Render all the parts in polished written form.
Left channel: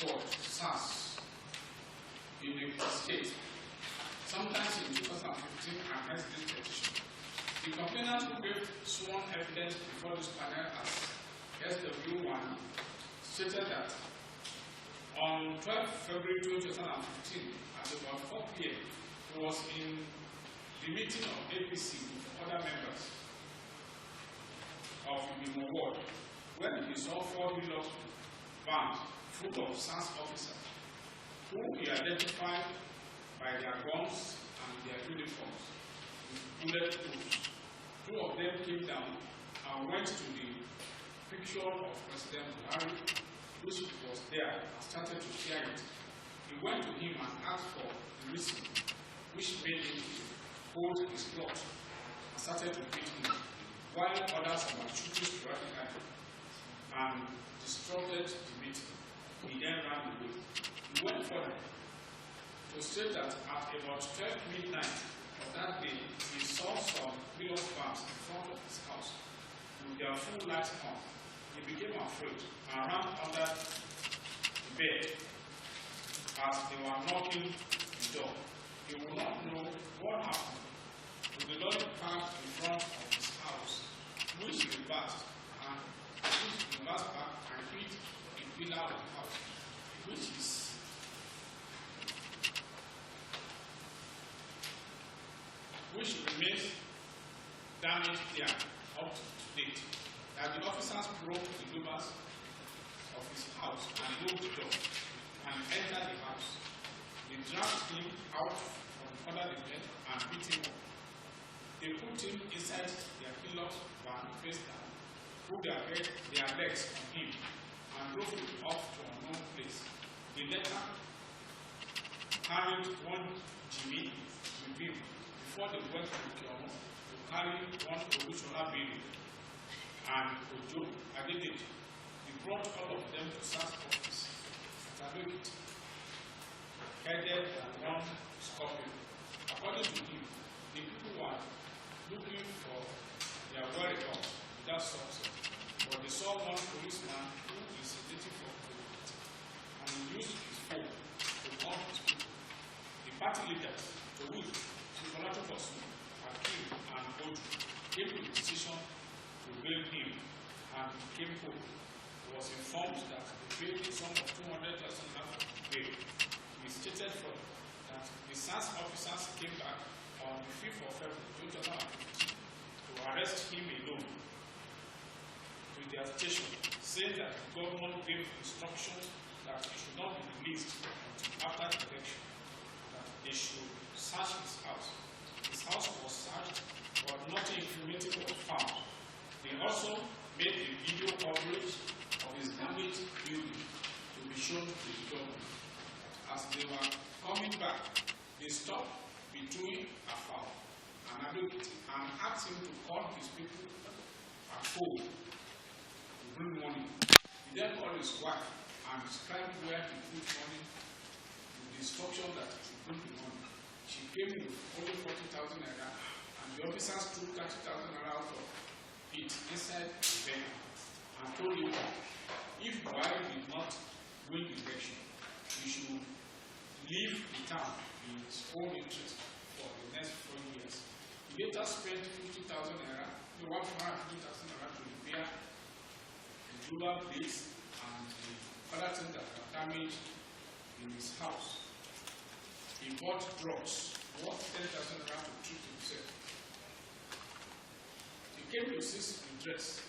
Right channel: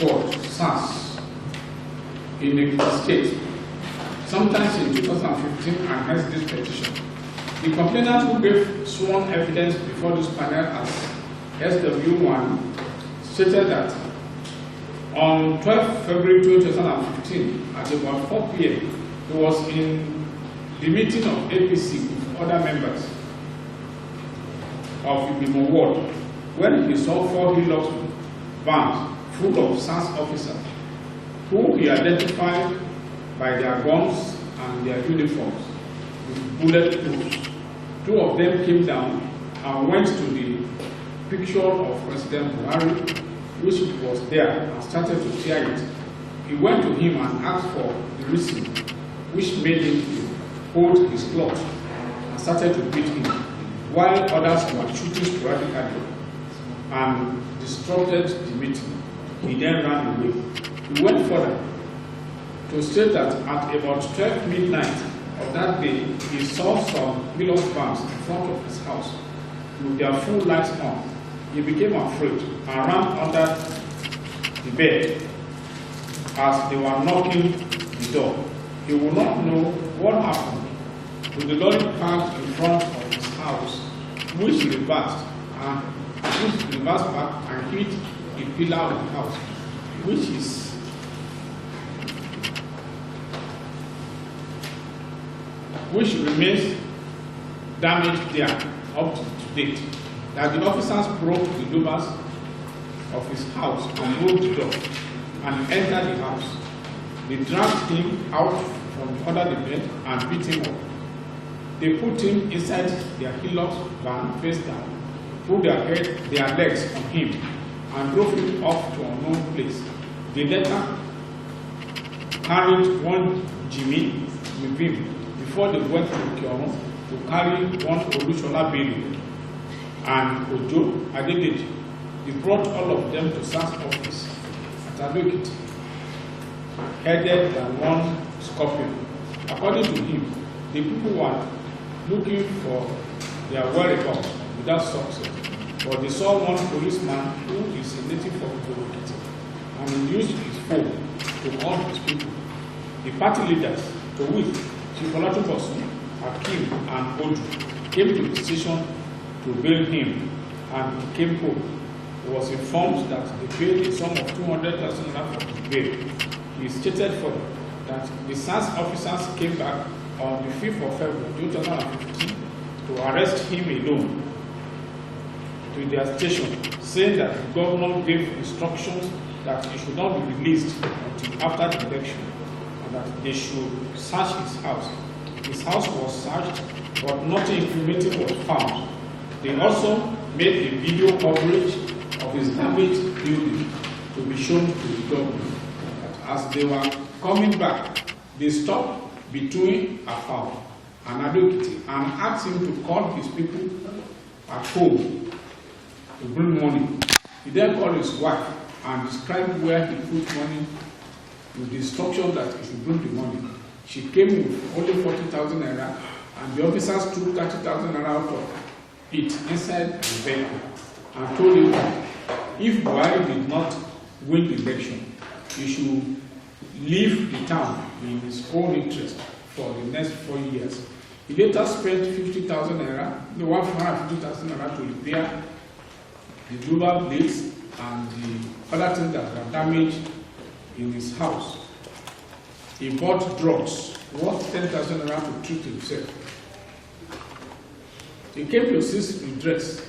Court, SARS, in the state, sometimes in 2015, and hence this petition. The complainant who gave sworn evidence before this panel as SW1 stated that on 12 February 2015, at about 4 p.m., he was in the meeting of APC with other members of Igbemo ward when he saw 4 Hilux vans full of SARS officers who he identified by their guns and their uniforms with bullet proofs. 2 of them came down and went to the picture of President Buhari, which was there, and started to tear it. He went to him and asked for the reason, which made him to hold his cloth and started to beat him, while others were shooting sporadically and disrupted the meeting. He then ran away. He went further to state that at about 12 midnight of that day, he saw some Hilux vans in front of his house with their full lights on. He became afraid and ran under the bed as they were knocking the door. He would not know what happened to the lorry parked in front of his house, which reversed back and hit a pillar of the house, which remains damaged there up to date. That the officers broke the doors of his house and moved the door and entered the house. They dragged him out from under the bed and beat him up. They put him inside their Hilux van face down, put their legs on him, and drove him off to an unknown place. They later carried one Jimmy with him before they went to Kyono to carry one Olusola Bello and Ojo Adedeji. They brought all of them to SARS office at Igbemo-Ekiti, headed by one Scorpion. According to him, the people were looking for their whereabouts without success, but they saw one policeman who is a native of Igbemo-Ekiti, and he used his phone to call his people. The party leaders, to which Chief Olatubosun, Akim, and Odu, came to the station to bail him, and he came home. He was informed that they paid a sum of 200,000 naira for his bail. He stated further that the SARS officers came back on the 5th of February 2015 to arrest him alone to their station, saying that the governor gave instructions that he should not be released until after the election, and that they should search his house. His house was searched, but nothing incriminating was found. They also made a video coverage of his damaged building to be shown to the government. That as they were coming back, they stopped between Afao and Igbemo-Ekiti and asked him to call his people at home to bring money. He then called his wife and described where he put money with the instruction that he should bring the money. She came with only 40,000 naira, and the officers took 30,000 naira out of it inside the vehicle and told him that if Buhari did not win the election, he should leave the town in his own interest for the next 4 years. He later spent 50,000 naira, 150,000 naira to repair the rubber blades and the other things that were damaged in his house. He bought drugs worth 10,000 naira to treat himself. He came to seek redress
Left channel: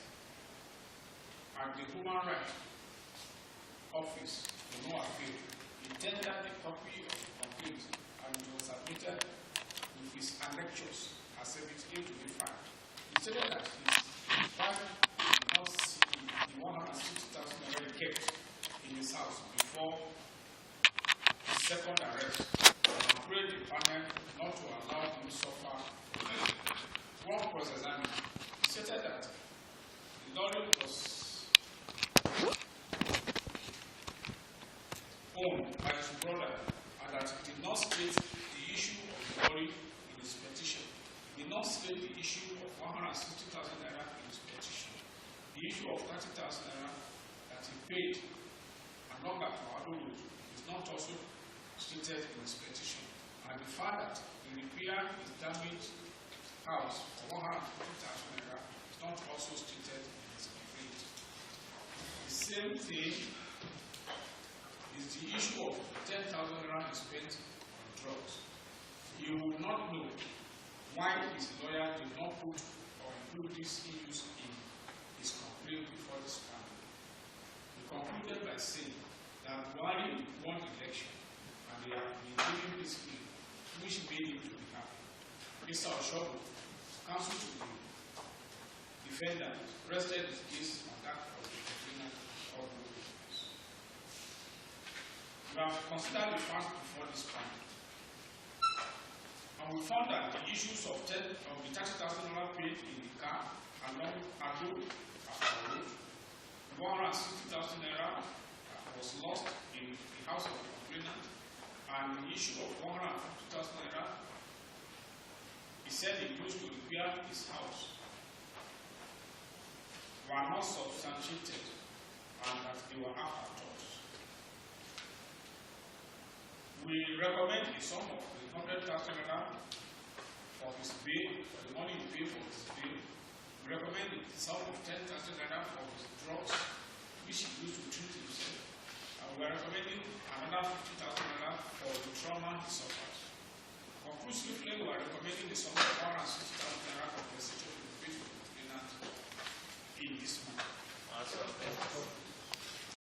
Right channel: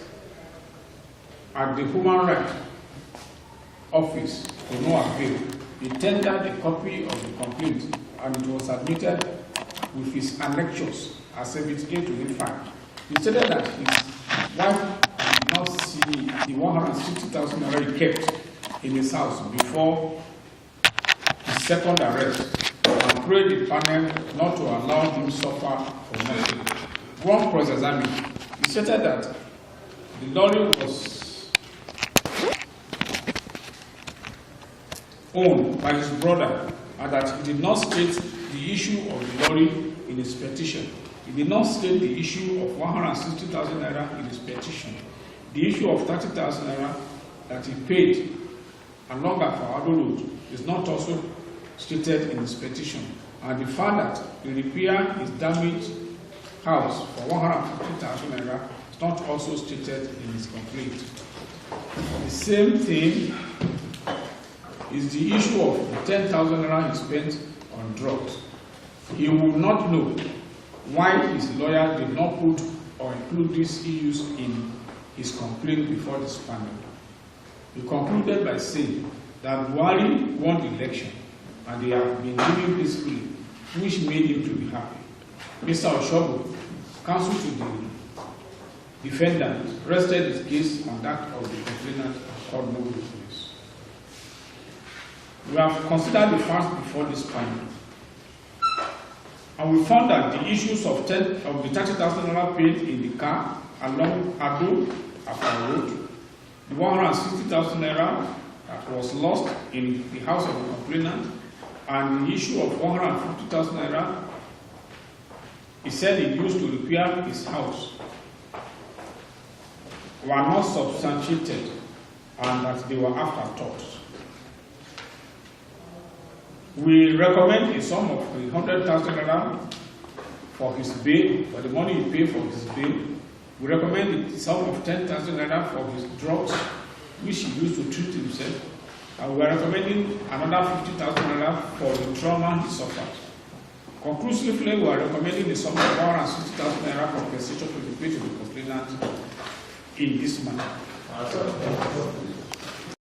at the Human Rights Office to no avail. He tendered a copy of the complaint, and it was admitted with his annexures as Exhibit A to A5. He stated that his wife did not see the 160,000 naira he kept in his house before his second arrest, and prayed the panel not to allow him suffer for nothing. One cross-examined, he stated that the lorry was owned by his brother, and that he did not state the issue of the lorry in his petition. He did not state the issue of 160,000 naira in his petition. The issue of 30,000 naira that he paid, and long after Road is not also stated in his petition, and the fact that the repair his damaged house for 150,000 naira is not also stated in his complaint. The same thing is the issue of the 10,000 naira he spent on drugs. He will not know why his lawyer did not put or include these issues in his complaint before this panel. He concluded by saying that Buhari won the election and they have been living peacefully, which made him to be happy. Mr. Osobu, counsel to the defendant, rested his case on that of the complainant and called no witness. We have considered the facts before this panel, and we found that the issues of the 30,000 naira paid in the car along Ado Afar Road, the 160,000 naira that was lost in the house of the complainant, and the issue of 150,000 naira he said he used to repair his house were not substantiated and that they were afterthoughts. We recommend a sum of 100,000 naira for his bail, for the money he paid for his bail. We recommend a sum of 10,000 naira for his drugs, which he used to treat himself. And we are recommending another 50,000 naira for the trauma he suffered. Conclusively, we are recommending a sum of 160,000 naira compensation to be paid to the complainant in this manner.